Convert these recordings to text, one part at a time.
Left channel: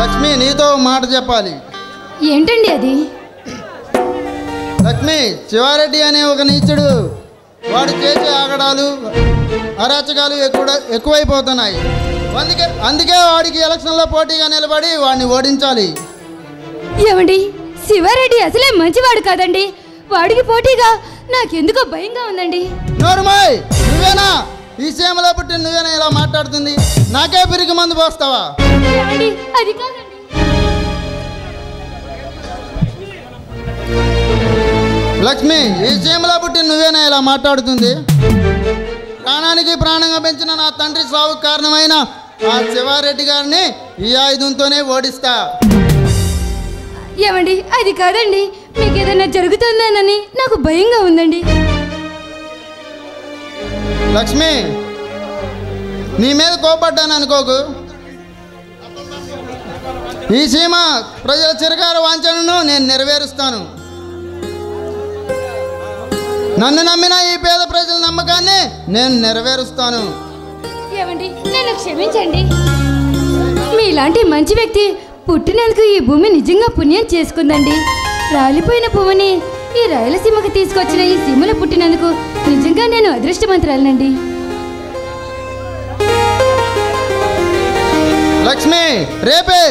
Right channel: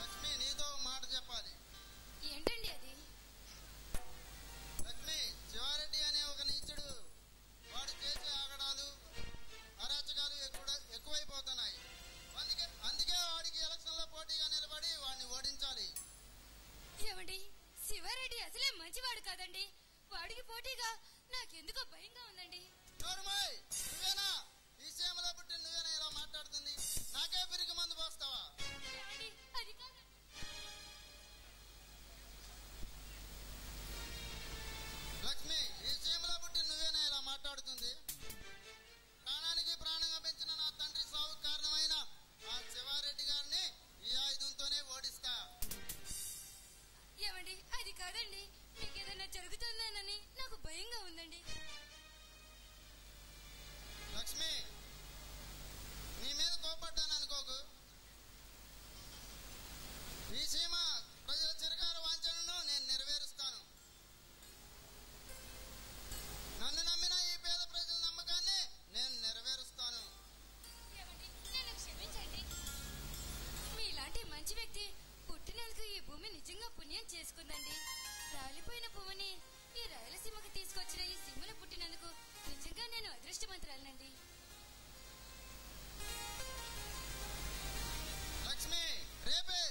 లక్ష్మి, నీతో మాట చెప్పాలి. ఏంటండి అది? లక్ష్మి, శివారెడ్డి అనే ఒక నీచుడు, వాడు చేసే ఆగడాలు అరాచకాలు ఎక్కువైపోతున్నాయి. అందుకే వాడికి ఎలక్షన్లో పోటీగా నిలబడి వాడిని ఓడించాలి. ఏమండి, శివారెడ్డి అసలే మంచివాడు కాదండి. వాడికి పోటీగా నాకెందుకో భయంగా ఉందండి. నోరుమాయ్, నువ్వేనా ఈ సీమలో పుట్టి నువ్వేనా ఇలా మాట్లాడుతుంది? నాకే పిరికి మందు పోస్తావా? అది కాదండి. లక్ష్మి, ఈ సీమలో పుట్టి నువ్వేనా ఇలా మాట్లాడుతుంది? ప్రాణానికి ప్రాణంగా పెంచిన నా తండ్రి సావుకు కారణమైన ఆ శివారెడ్డి గారిని ఈ ఆయుధంతోనే ఓడిస్తా. ఏమండి, అది కాదండి. మీకు ఏదైనా జరుగుతుందనని నాకు భయంగా ఉందండి. లక్ష్మి, నీ మీద కోపడ్డాను అనుకోకు. ఈ సీమ ప్రజల చిరకాల వాంఛనను నేను నెరవేరుస్తాను. నన్ను నమ్మిన ఈ పేద ప్రజల నమ్మకాన్ని నేను నెరవేరుస్తాను. ఏమండి, నన్ను క్షమించండి. మీలాంటి మంచి వ్యక్తి పుట్టినందుకు ఈ భూమి నిజంగా పుణ్యం చేసుకుందండి. రాలిపోయిన పువ్వుని ఈ రాయలసీమకు తీసుకొచ్చిన ఈ సీమలో పుట్టినందుకు నిజంగా నేను అదృష్టవంతురాలనండి. లక్ష్మి, రేపే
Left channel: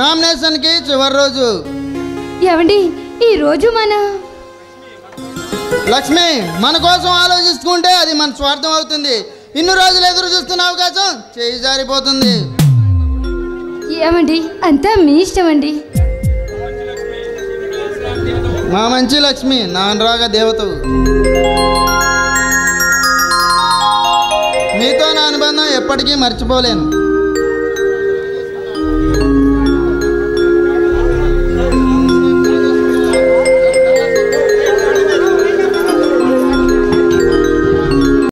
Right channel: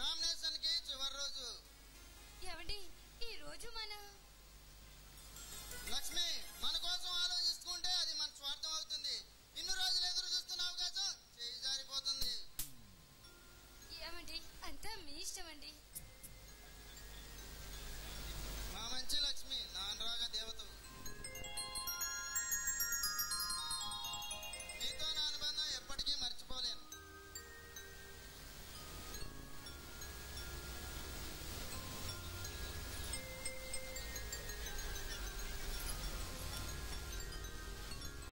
నామినేషన్కి చివరి రోజు. ఏమండి, ఈ రోజు లక్ష్మి, మన కోసం ఆలోచిస్తుంటే అది మన స్వార్థం అవుతుంది. ఇన్ని రోజులు ఎదురు చూస్తున్న అవకాశం చేయి జారిపోతుంది. ఏమండి, అంతా మీ ఇష్టం అండి. మా మంచి లక్ష్మి, నా అనురాగ దేవతవు. మీతో నా అనుబంధం ఎప్పటికీ మర్చిపోలేను.